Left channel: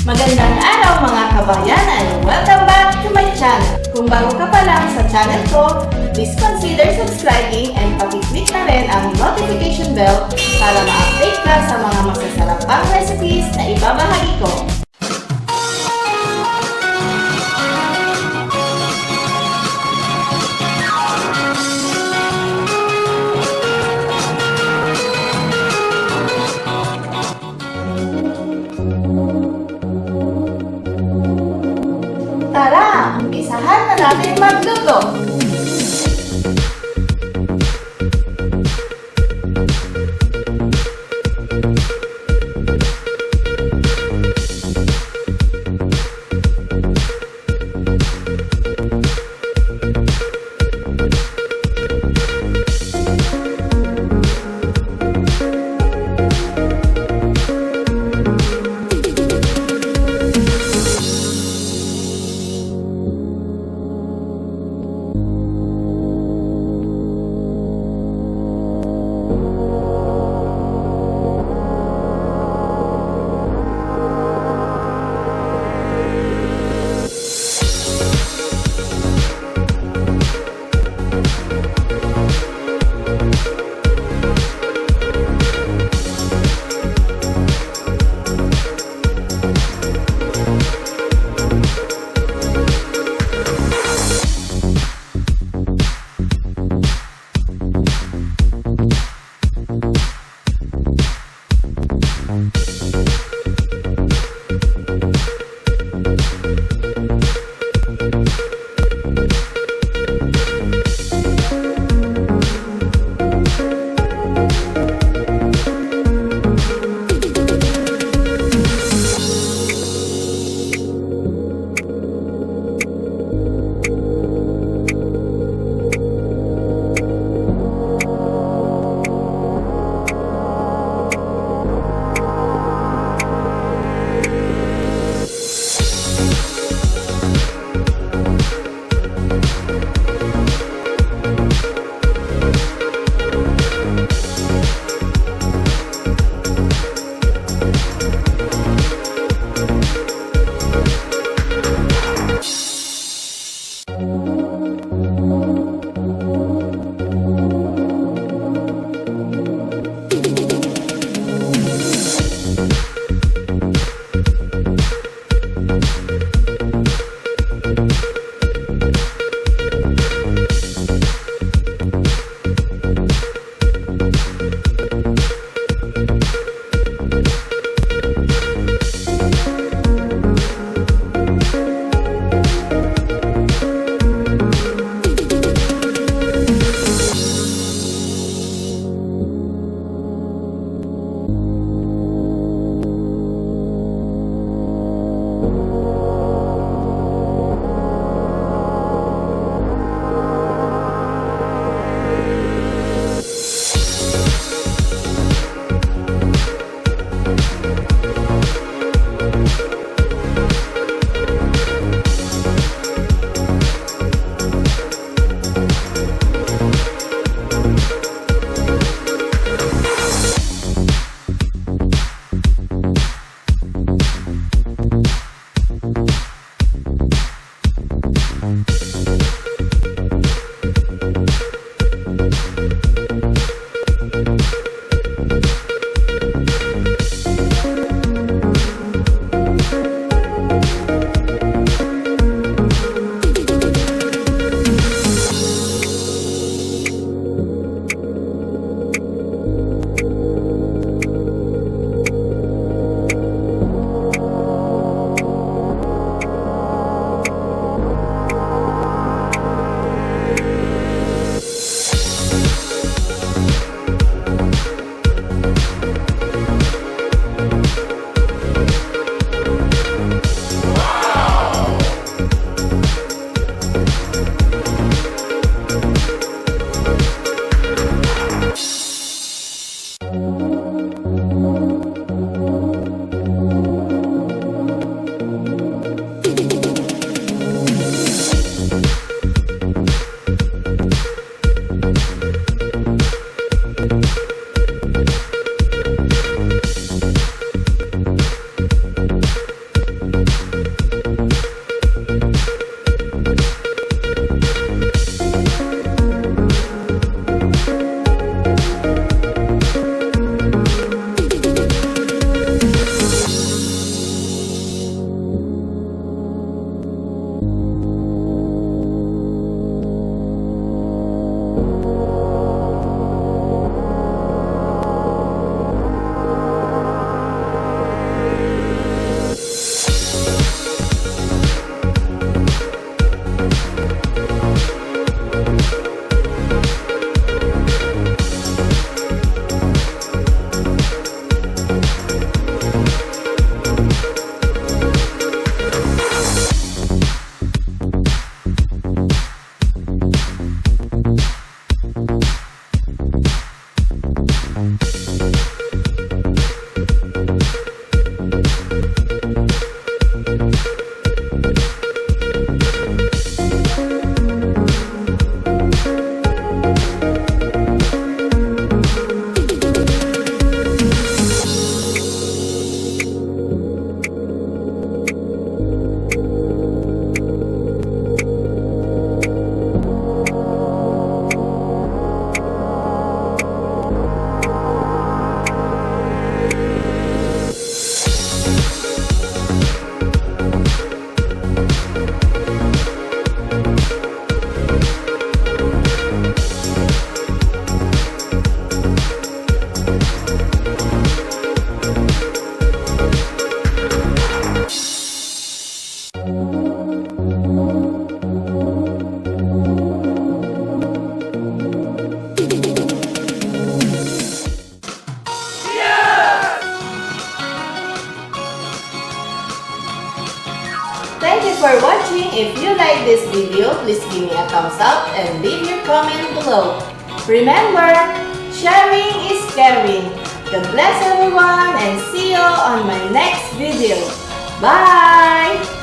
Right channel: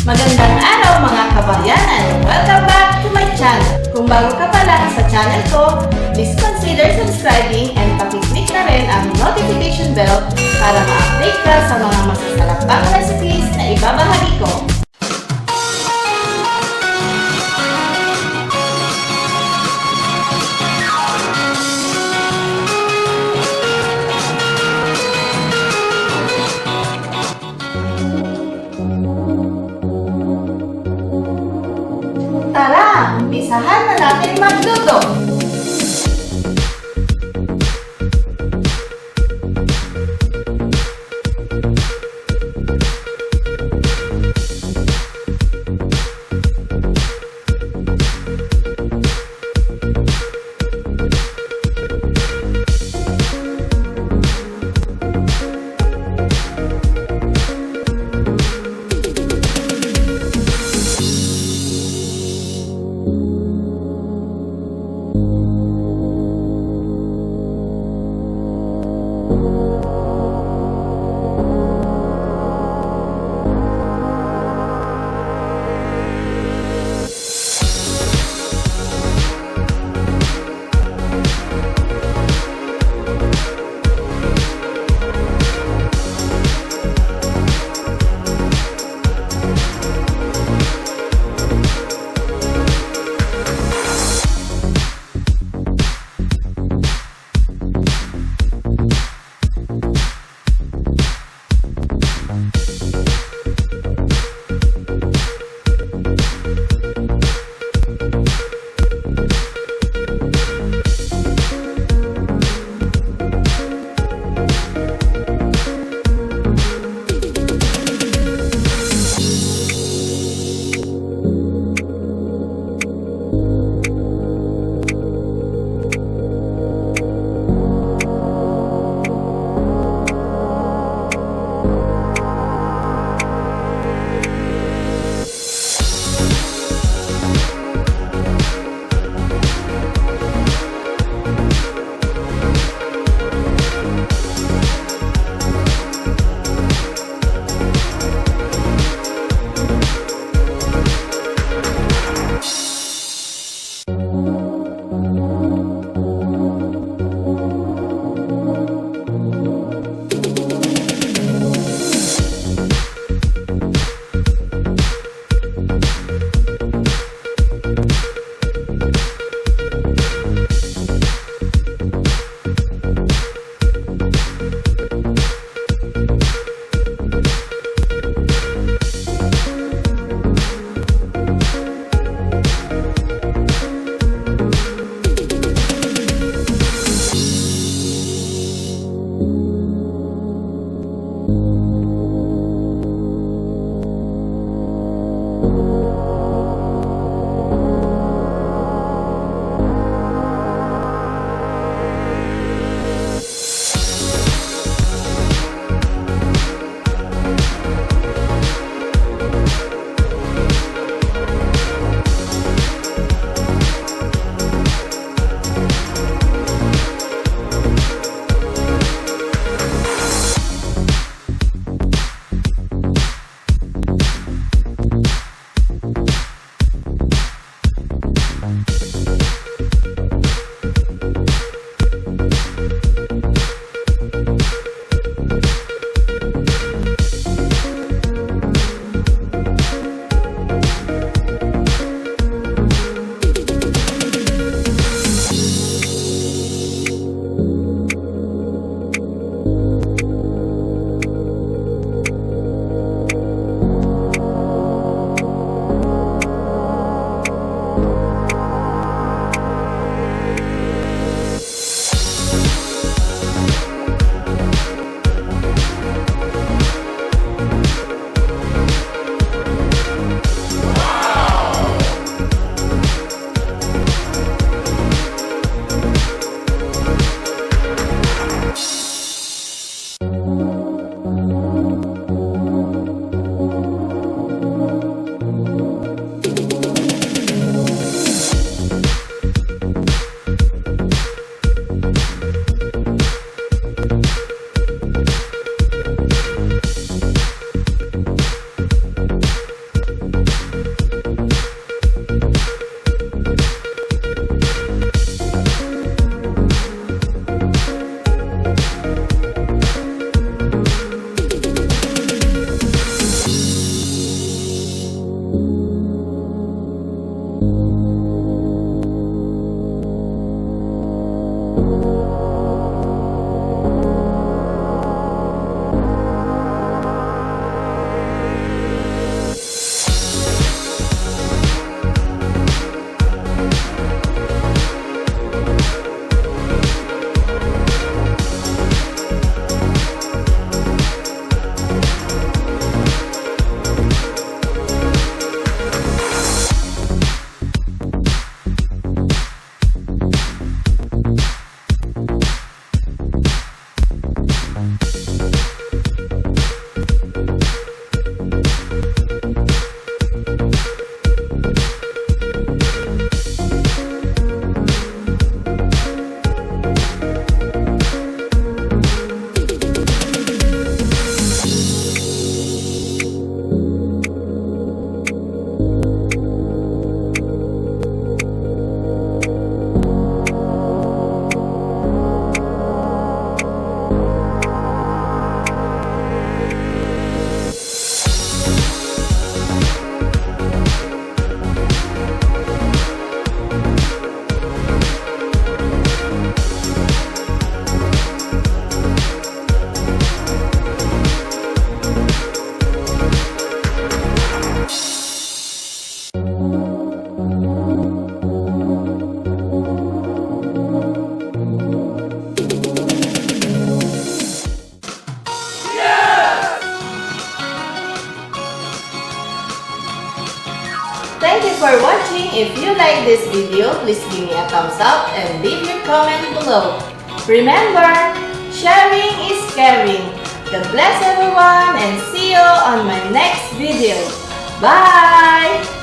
Magandang araw mga kabayan and welcome back to my channel. Kung bago ka pa lang sa channel ko, please consider subscribing and pakiclick na rin ang notification bell para ma-update ka sa mga masasarap pang recipes na ibabahagi ko. Tara, umpisahan na natin magluto! for watching. If you like this video, please give me a thumbs up and leave your comment below. Remember, sharing is caring. God bless everyone and see you on my next video. Bye!